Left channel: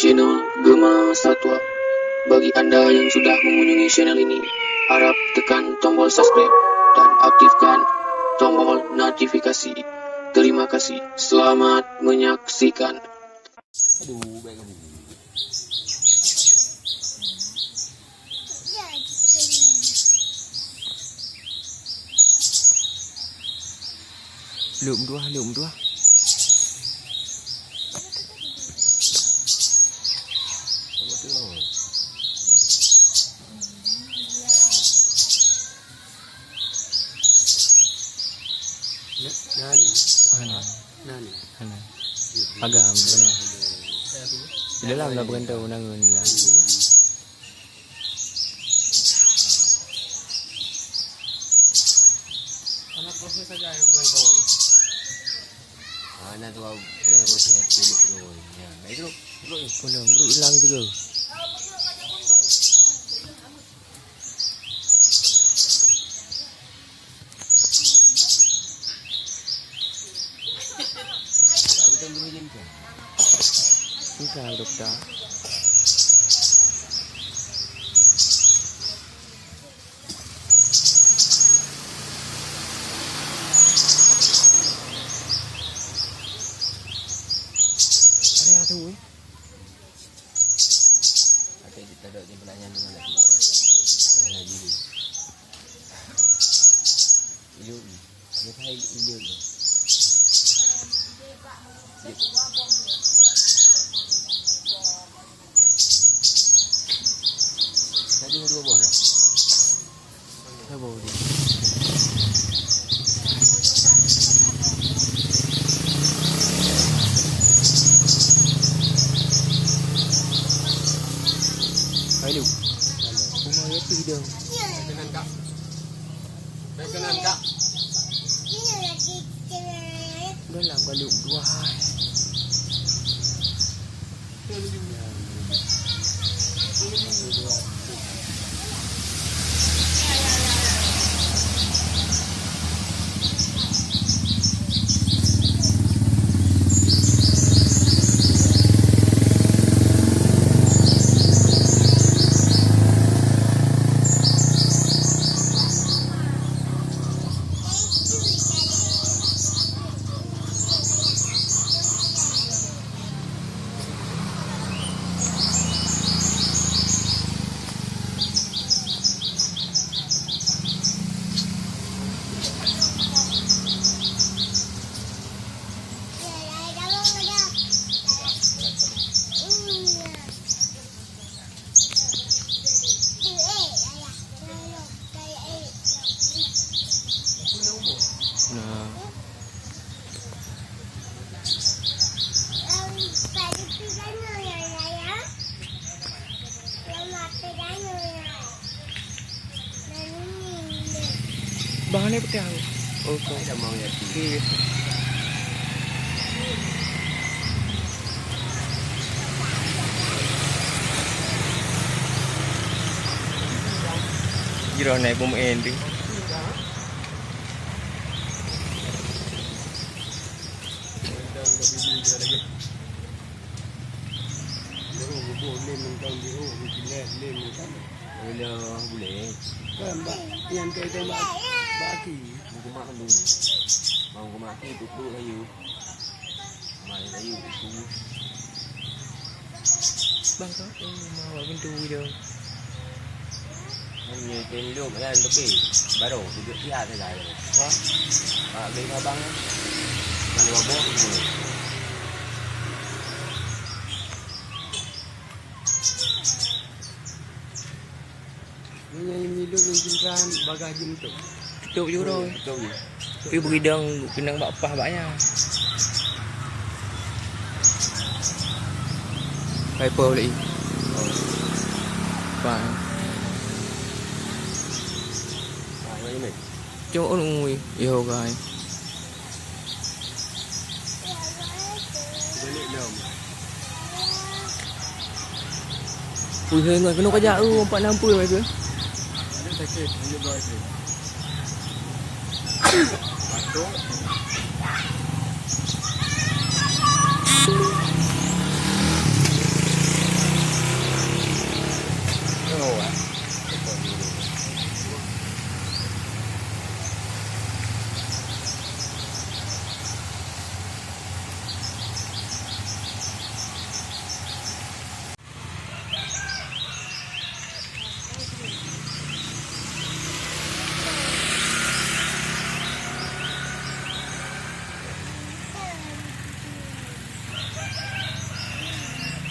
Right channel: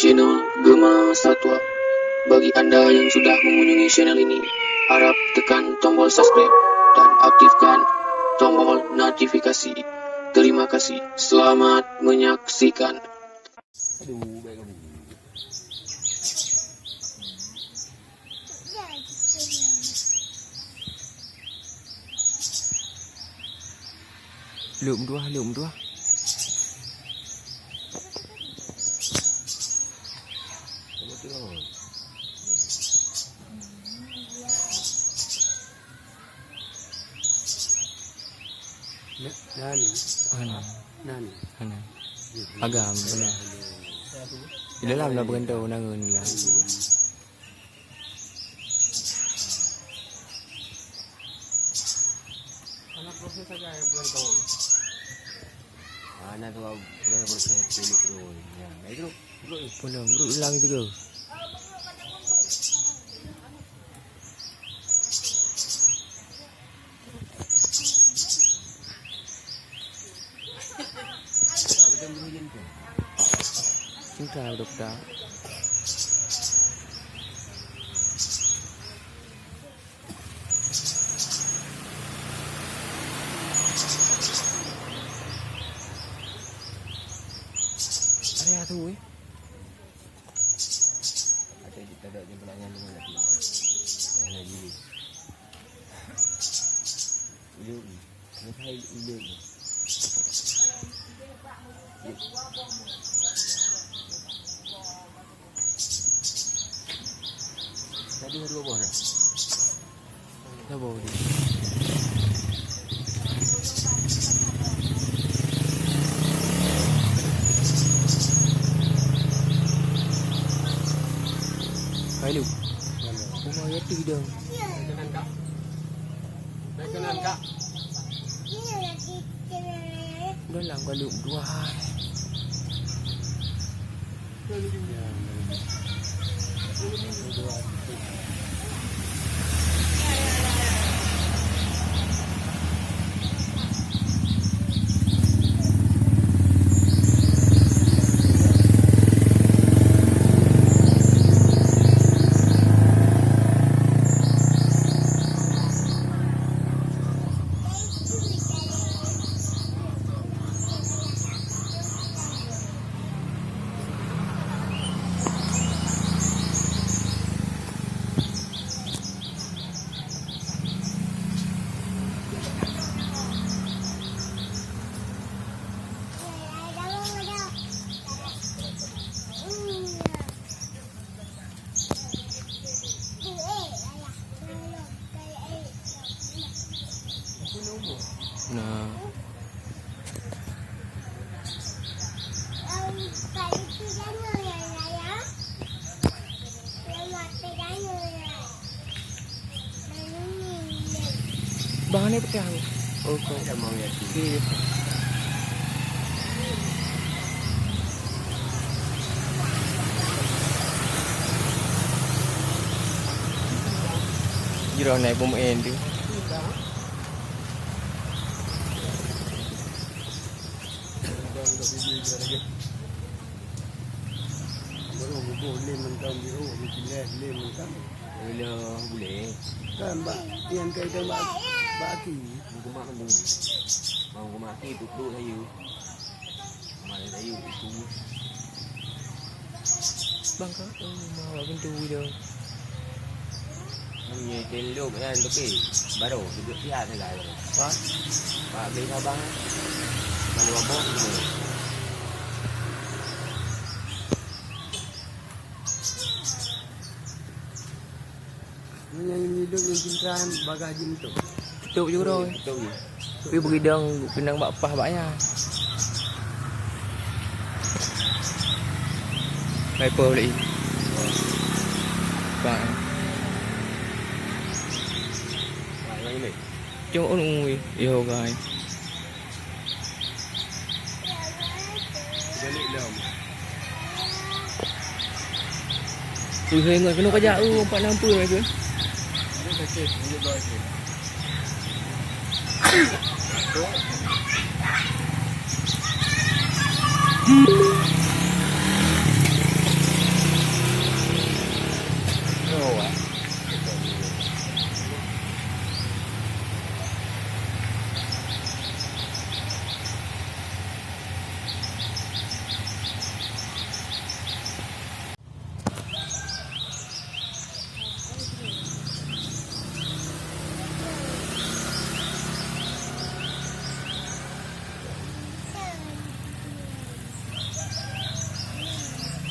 channel Gema Satwa. Bagi Anda yang sudah mengunjungi channel ini, harap tekan tombol subscribe dan aktifkan tombol notifikasi. Terima kasih. Selamat menyaksikan. Aduh, baik kamu. Lượm đua. Ano? Agam, benar. Di dalam lah berantau nangun lah. Mana tu kau boleh bersihkan tu. Ya, baik tu. Belum, hilang itu ke? Enggak, dokter. Ada tu eh. Ada kita dok je belanja dengan lagi. Yang lagi ni. Ini hai ini. Tadi dua buah dah. Dah bau dia. Hai lu. Rumah dia tu dah. Dalam galuk dua. Nah. Bahannya pakai apa? Oh, kau Dah mau ya. okey. Kira naik bom end tu. Boleh. Kan yang kita baki. Mau makan dulu. Mau makan itu dulu kayu. Mai kayu itu. Bang kau mau pintu dia. Hanya tendok kan lebih. Baru duduk dia tu lah. Wah. Pak beli abang. Kalau abang tu. Ini yang hidup yang cintaan bagasi itu. Tutup je bro. Betul. Tapi berdang bakpah banyak. Viper boleh. Fine. Yang ini. Cuma ui. Yo guys. Balik dalam. Ui hei kena kajak tu 460 mai tu. Ada kecil, dia bahasa.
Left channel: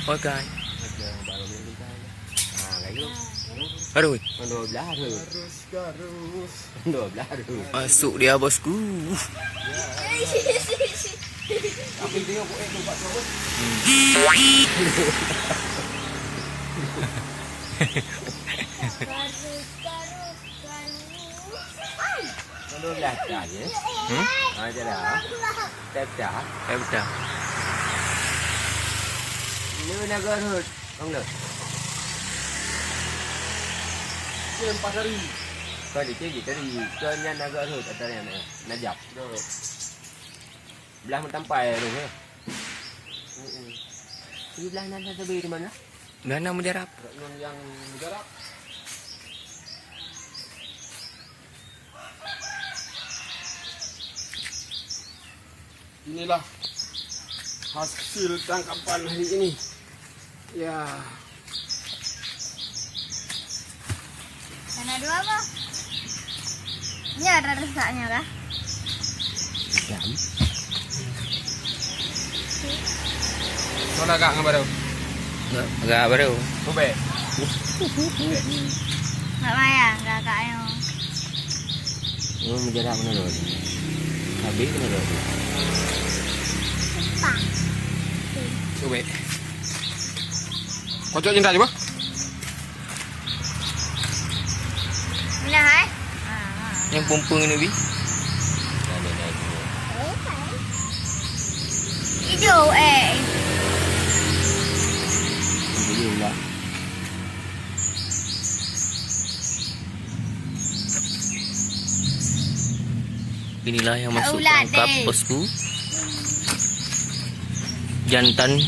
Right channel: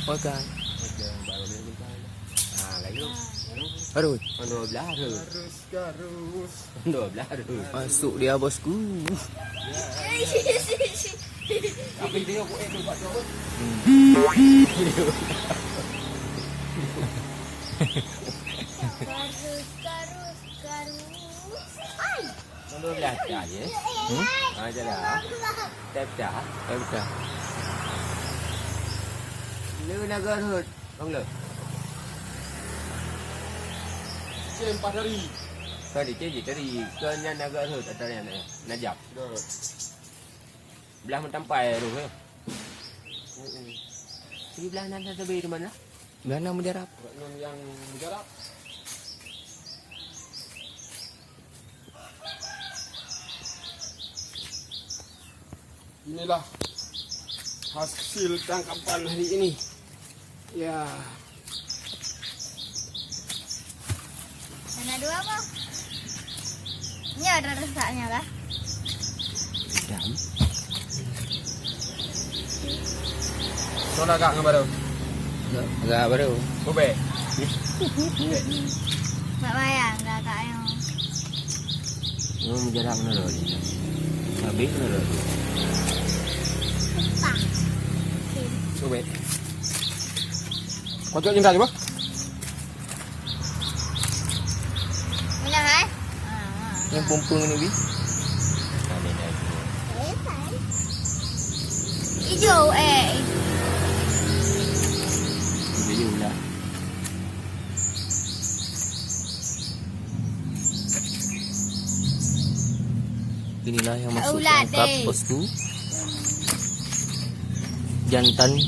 Makan. Ada baru ni kita. Ah, kayu. Aduh, Kan 12 tu. Garus. 12 tu. masuk dia bosku. Apa yang tengok buat tu buat tu apa? Kan 12 dah je. Ada dah. Tak dah. Betul. Ini naga tu. Bang dah. Dia 4 hari. Kau di sini tadi. Kau ni naga tu tak ada yang najap. Dah. Belah mentampai tu ke? Di belah nanda tebi di mana? Mana mujarab? Yang jarak. Inilah hasil tangkapan hari ini. Ya. Mana dua apa? Ini ada rusaknya kah? Jam. Soalnya agak ngabar. Agak baru. Tu be. Tak payah, enggak kayu. Ini menjarak mana tu? Habis mana tu? Tu baik. Kocok cinta coba. Bila hai? Yang pumpung ni bi. Ada dah ni. Hijau Ini pula. Inilah yang masuk Ulat tangkap deh. bosku. Jantan.